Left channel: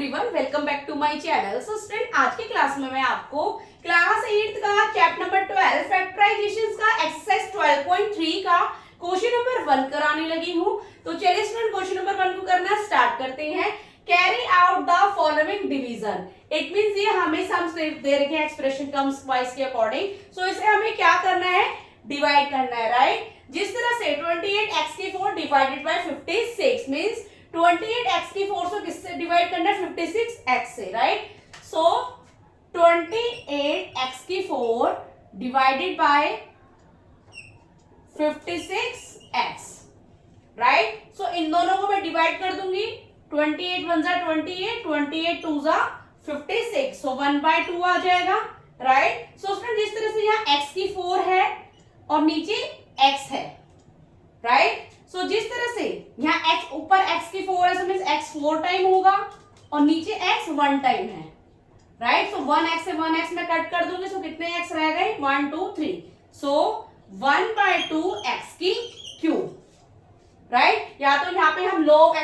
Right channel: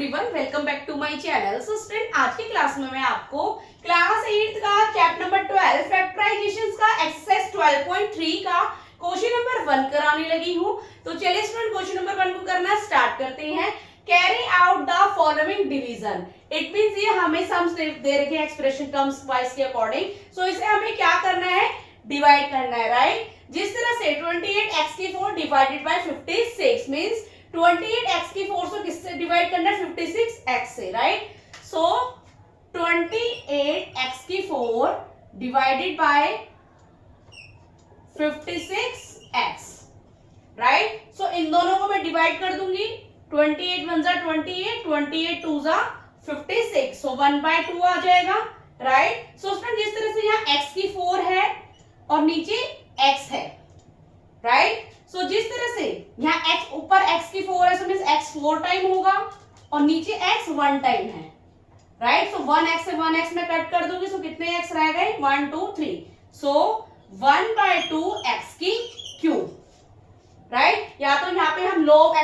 Everyone, welcome back to my channel. So student, आज की class में मैं आपको क्लास 8 का चैप्टर नंबर 12 फैक्टराइजेशंस का एक्सरसाइज 12.3 का क्वेश्चन नंबर 1 कराने लगी हूँ। तो चलिए स्टूडेंट, क्वेश्चन नंबर 1 को करना स्टार्ट करते हैं। Carry out the following division. It means ये हमें सम्स दे रखे हैं एक्सप्रेशन टर्म्स वाइज के अकॉर्डिंग। सो इसे हमें क्या करना है, डिवाइड करना है, राइट। जिस तरह से 28x की 4 डिवाइडेड बाय 56 मींस 28x की 4 से किससे डिवाइड करना है, 56x से, राइट। सो 28x की 4 डिवाइडेड बाय 56x, राइट। सो इन दोनों को मैं डिवाइड कर दूंगी। 28 1 जा 28, 28 2 जा 56, सो 1/2 आ जाएगा, राइट। सो स्टूडेंट, जिस तरह से यहाँ x की 4 है और नीचे x है, राइट। सो जिस तरह से यहाँ x ऊपर x की 4 है, सो मींस x 4 टाइम होगा और नीचे x 1 टाइम है, राइट। सो 1x से 1x में कट कर दूंगी, सो कितने x रह गए, 1 2 3, सो 1/2 x की क्यूब, राइट। या तो यहाँ पे हम log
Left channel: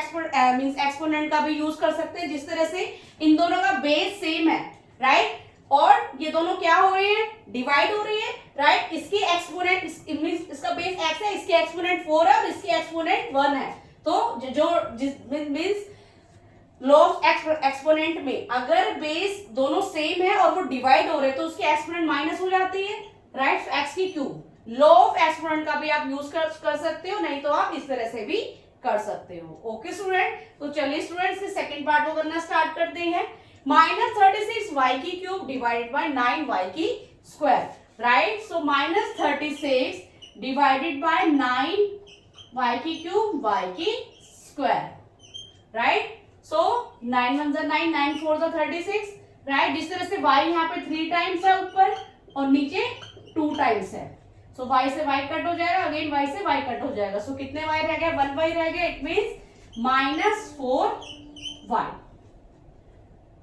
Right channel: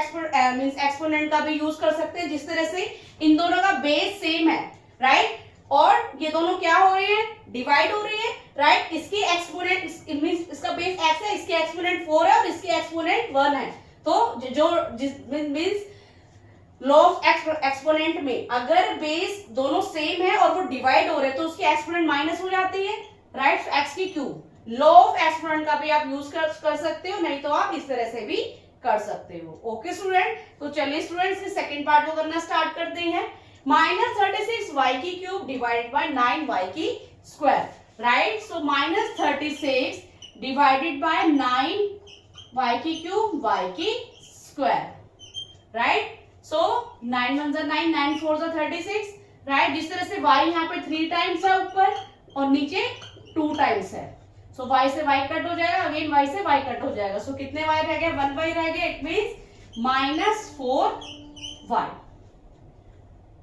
मींस एक्सपोनेंट का भी यूज कर सकते हैं। जिस तरह से इन दोनों का बेस सेम है, राइट, और ये दोनों क्या हो रहे हैं, डिवाइड हो रहे हैं, राइट। इसकी एक्सपोनेंट मींस इसका बेस x है, इसकी एक्सपोनेंट 4 है और इसकी एक्सपोनेंट 1 है। तो जो मींस लॉग एक्सपोनेंट में अगर बेस दोनों सेम है और वो डिवाइड हो रहे हैं तो उसकी एक्सपोनेंट माइनस हो जाती है, राइट। x की क्यूब लॉग एक्सपोनेंट का भी आप यूज कर सकते हो, नहीं तो आप इस तरह से भी कर सकते हो। ओके स्टूडेंट, तो चलिए स्टूडेंट्स के सेकंड पार्ट को करना स्टार्ट करते हैं। -36y की क्यूब डिवाइडेड बाय 9y की square, right. So -36 divided by 9y की क्यूब y की स्क्वायर, राइट। सो 9 1 जा 9, 9 4 जा 36, राइट। जिस तरह से y यहाँ पे 3 टाइम्स है ऊपर और नीचे 2 टाइम्स है, सो y से y कट हो जाएगा, अगेन y से y कट हो जाएगा। सो कितने y रह गए, 1 y रह गया, it means -4y।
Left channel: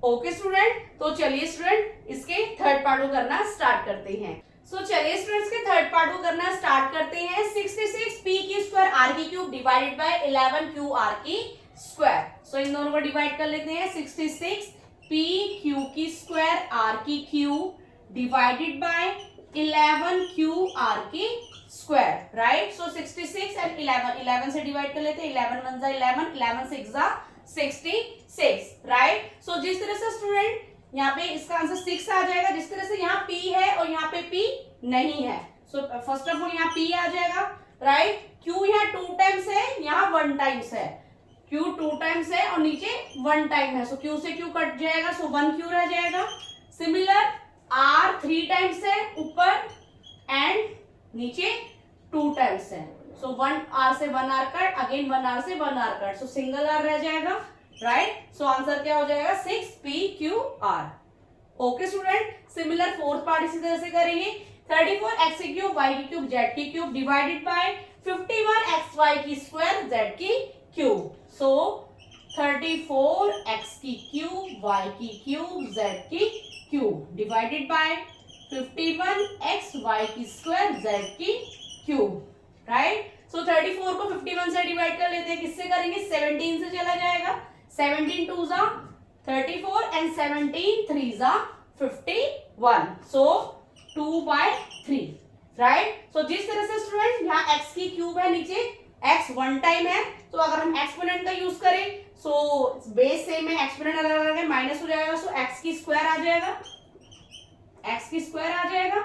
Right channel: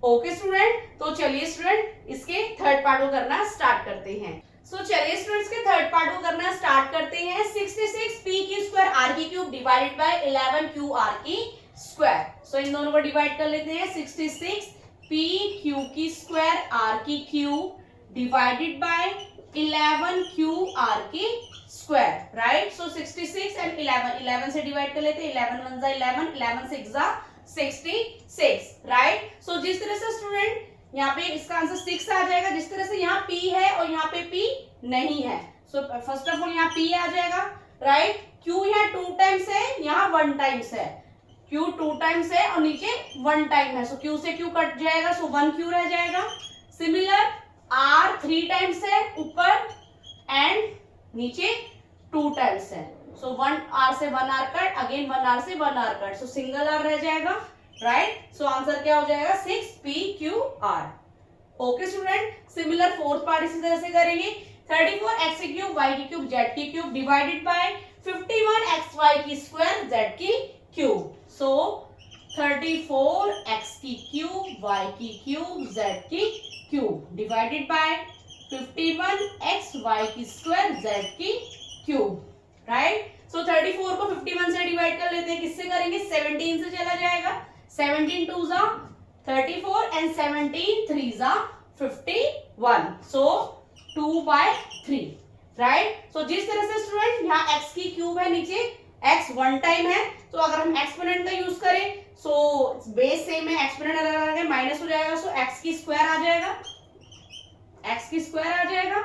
Okay student, तो चलिए स्टूडेंट इसके थर्ड पार्ट को करना स्टार्ट करते हैं। सो चलिए स्टूडेंट्स के थर्ड पार्ट को करना स्टार्ट करते हैं। 66p की स्क्वायर r की cube divided by 11q r की स्क्वायर। सो इन दोनों को डिवाइड कर लेते हैं। 66p q की स्क्वायर r की cube divided by 11q r की स्क्वायर, राइट। सो 66 एंड 11 से डिवाइड कर लेते हैं। 11 1 जा 11, 11 6 जा 66, राइट। सो जिस तरह से स्टूडेंट यहाँ पे इसका आंसर 6 आ जाएगा, जिस तरह से यहाँ p है और यहाँ पे p नहीं है। सो फर्स्ट ऑफ ऑल यहाँ p आ जाएगा, राइट। q यहाँ 2 टाइम्स है, यहाँ 1 टाइम्स है। q 2 टाइम्स है और नीचे 1 टाइम है, सो q से q कट जाएगा, सो 1q रह जाएगा। सिमिलर r 3 टाइम्स है ऊपर एंड नीचे 2 टाइम्स है, सो 1r से 1r कट, अगेन 1r से 1r कट, सो सिंगल r रह जाएगा, राइट। सो आंसर क्या हो जाएगा, 6pqr। Okay student, similar fourth part इसी तरह से करेंगे। 34x की क्यूब y की क्यूब z की क्यूब डिवाइडेड बाय 51xy की स्क्वायर z की क्यूब। सो 34x की क्यूब y की क्यूब z की क्यूब डिवाइडेड बाय 51xy की स्क्वायर z की क्यूब, राइट। सो 34 को 51 से डिवाइड कर लेते हैं, किससे करेंगे, 17 से चला जाएगा। 17 2 जा 34 एंड 17 3 जा 51, सो 2/3, राइट। सो जिस तरह से स्टूडेंट यहाँ x की क्यूब है, नीचे x 1 टाइम है, तो अगर हम एक्सपोनेंट का यूज करें, सो बेस सेम है, एक्सपोनेंट अलग अलग है, माइनस हो जाएगा, सो x की स्क्वायर आ जाएगा, x की स्क्वायर आ जाएगा,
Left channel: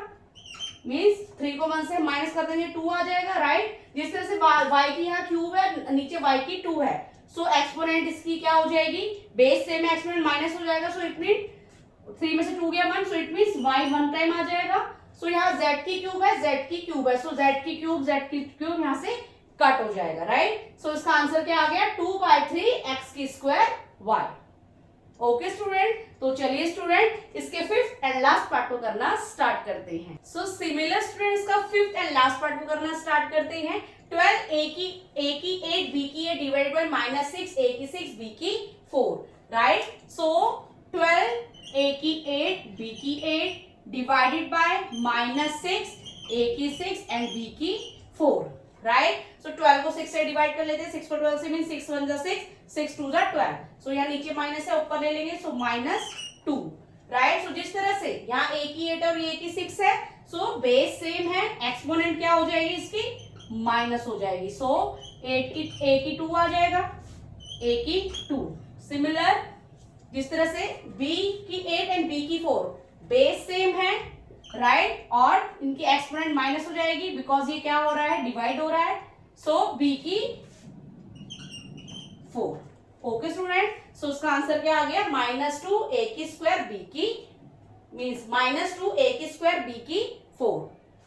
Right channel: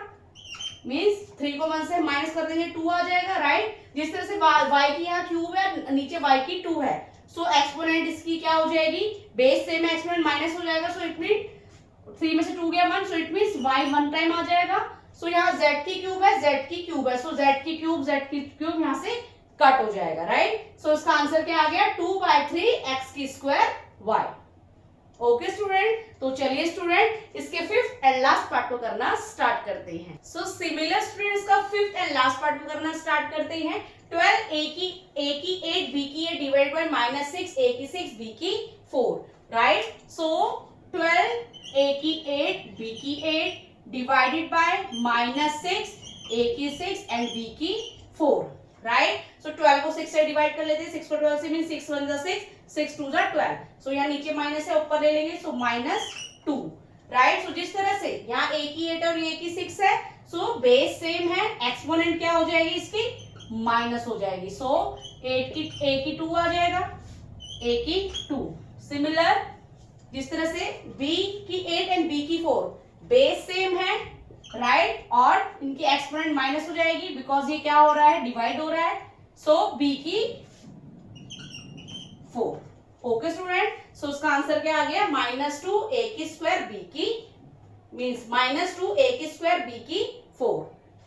मींस 3 को 1 से माइनस कर देंगे 2 आ जाएगा, राइट। जिस तरह से y की यहाँ क्यूब है, नीचे y की 2 है, सो एक्सपोनेंट इसकी क्या हो जाएगी, बेस सेम है, एक्सपोनेंट माइनस हो जाएगा, सो इट मीन 3 में से 2 गया 1, so it means y 1 time आ जाएगा। सो यहाँ z की क्यूब है, z की क्यूब है, सो z की क्यूब यहाँ से कट हो जाएगा, राइट। सो इसका आंसर क्या आ गया, 2/3 x की स्क्वायर y। ओके स्टूडेंट, तो चलिए स्टूडेंट इसके फिफ्थ एंड लास्ट पार्ट को करना स्टार्ट करते हैं। सो सिमिलर स्टूडेंट इसका फिफ्थ एंड लास्ट पार्ट को करना स्टार्ट करते हैं। 12a की 8 b की 8 डिवाइड बाय -6a की 6 b की 4, राइट। सो 12a की 8 b की 8 डिवाइडेड बाय -6 a की 6 एंड b की 4, राइट। सो 12 को 6 से डिवाइड कर लेते हैं, 6 को 12 से मीन 6 1 जा 6, 6 2 जा 12। सो यहाँ नीचे माइनस है, ऊपर ले लेंगे, सो -2, राइट। सो जिस तरह से यहाँ a की 8 और a की 6 है, सो बेस सेम है, एक्सपोनेंट क्या हो जाएगी इसकी, माइनस हो जाएगी। सो a की 2 आ जाएगा, a की 2। सिमिलर जिस तरह से b की 8 एंड b की 4 बेस सेम है, राइट, और इनकी एक्सपोनेंट माइनस हो जाएगी बिकॉज ये क्या हो रहा है, डिवाइड हो रहा है। सो b की 4। ओके स्टूडेंट, सो उसका आंसर क्या आ गया, -2 a की स्क्वायर b की मीन्स -2 a की स्क्वायर b की 4।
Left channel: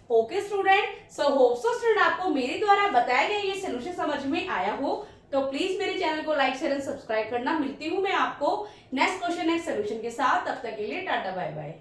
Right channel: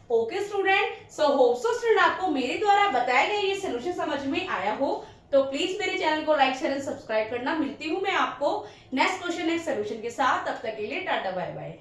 Okay student, so hope so student आपको मेरे द्वारा बताया गया ये सोल्यूशन समझ में आया हो, तो प्लीज मेरे चैनल को लाइक शेयर एंड सब्सक्राइब करना। मिलती हूँ मैं आपको नेक्स्ट क्वेश्चन नेक्स्ट सोल्यूशन के साथ, तब तक के लिए टाटा बाय बाय।